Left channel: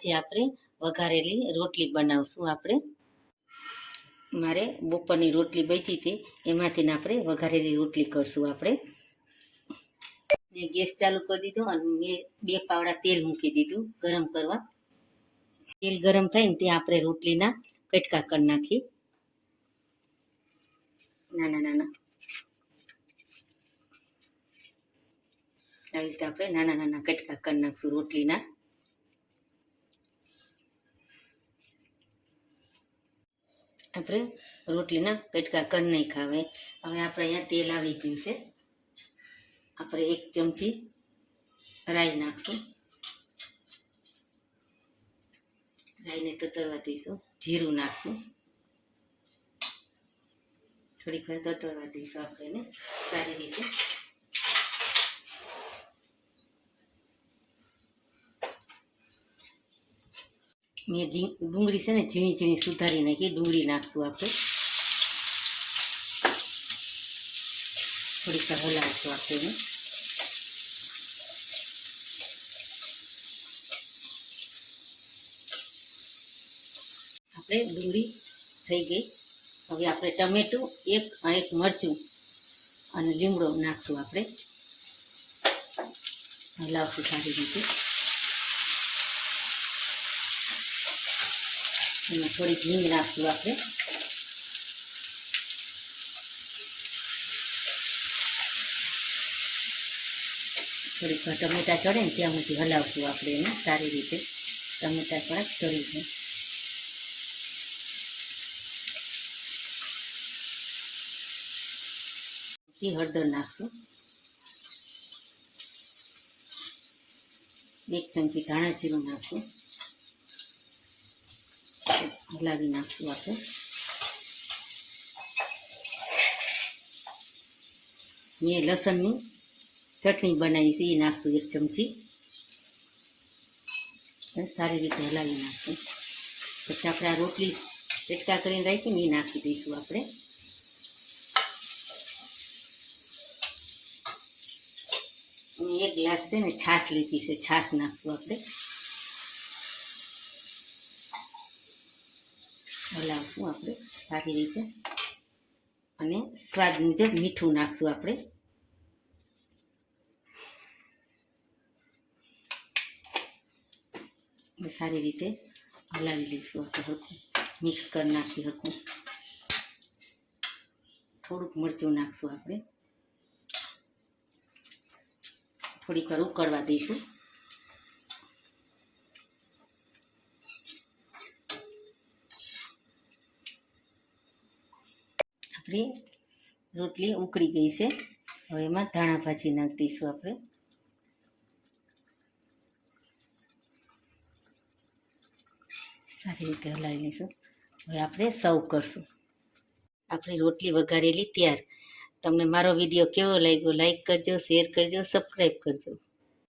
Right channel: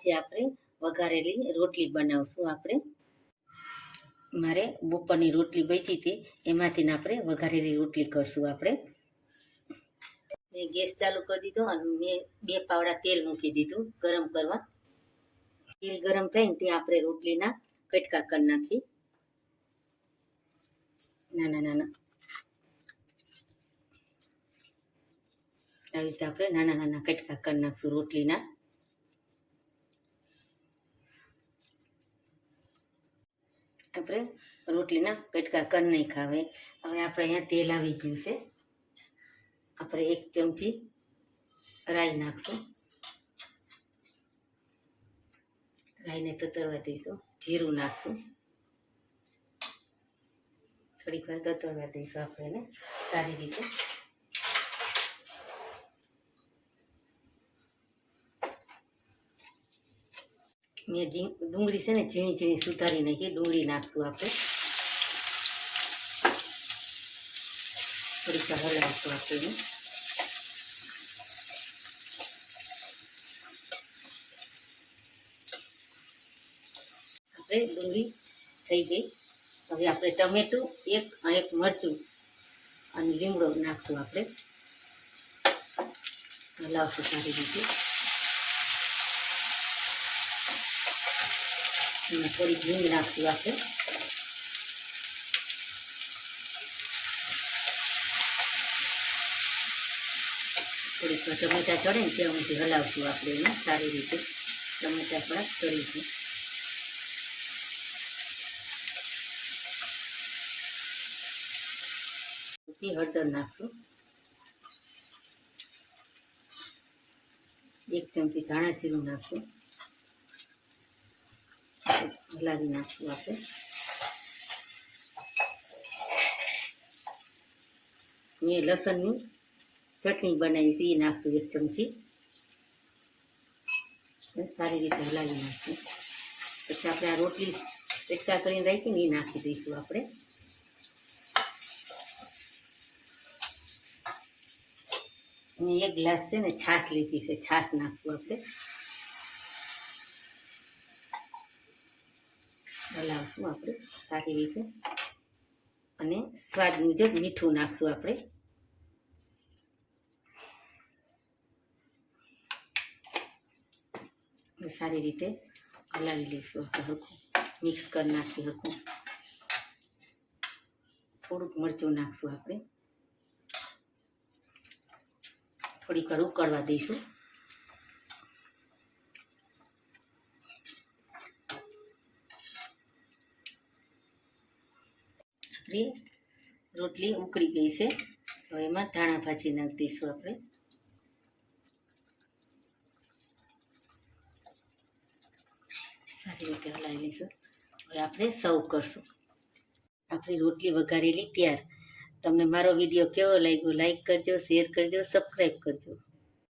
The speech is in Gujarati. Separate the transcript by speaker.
Speaker 1: આજે આપણે વઘારેલી રોટલી બનાવશું આપણે. મારે બપોરની રોટલી બચી હતી, એમાંથી આપણે વઘારેલી રોટલી કરશું આપણે. મેં ગેસ ચાલુ કરી દીધો અને મેં બે પાવડા તેલ મૂકી દીધું ગરમ કરવા. તેલ ગરમ થઈને ત્યાં આપણે રોટલીના કટકા કરી નાખી. નાના નાના આવી રીતે આપણે નાના નાના કટકા કરી નાખશું રોટલીના. આપણે રોટલીના કટકા કરી નહીં ખાવે હવે આપણે અહીંયા તેલ આવી ગયું છે. આપણે એક ચમચી રાઈ નાખશું. રાઈને તતરવા દઈશું. જીરું નાખશું. થોડીક વાર તતરવા દઈશું આપણે એને સારી રીતે. મેં ઝીણ- ડુંગળી છે ને ઝીણી ઝીણી સુધારી નાખી, ડુંગળી નાખશું આપણે. થોડીક વાર હલાવીશું આપણે એને. આપણે ડુંગળી થઈ ગઈ. હવે આપણે ટમેટું, એક અને એક મરચું અને લીમડો નાખશું આપણે. હલાવશું સારી રીતે. એમાં થોડીક હિંગ નાખશું આપણે. થોડીક ટમેટા ચડે ને ત્યાં સુધી હલાવશું આપણે એને સારી રીતે. ટમેટા થોડાક ચડીશું પછી હળદર નાખશું. એક ચમચી ધાણા જીરું નાખશું. હલાવી નાખશું આપણે મેં લસણની ચટણી બનાવી છે એ નાખશું એક ચમચી સારી રીતે હલાવી નાખશું પછી આપણે આ રોટલી ચટકા કરીને રાખીને એ નાખી દઈશું આપણે અને એક ગ્લાસ છે ને છાશ લીધી છે છાશ નાખશું આપણે હલાવશું આપણે સારી રીતે અને સ્વાદ મુજબ મીઠું નાખશું આપણે. સારી રીતે હલાવી લઈશું આપણે હરખું. મિક્સ કરી નાખી હરખું. થોડુંક મરચું નાખશું આપણે. થોડીક વાર ઉકળવા દઈશું. આપણી રોટલી ઉકળી ગઈ છે. હવે એમાં ધાણા ભાજી નાખી દઈશું આપણે. સારી રીતે હલાવી લઈશું. હવે આપણે સર્વ કરશું. આપણી રોટલી વઘારેલી તૈયાર. તમને મારો વીડિયો કેવો લાગ્યો, લાઈક કરજો, શેર કરજો, સબસ્ક્રાઈબ કરજો.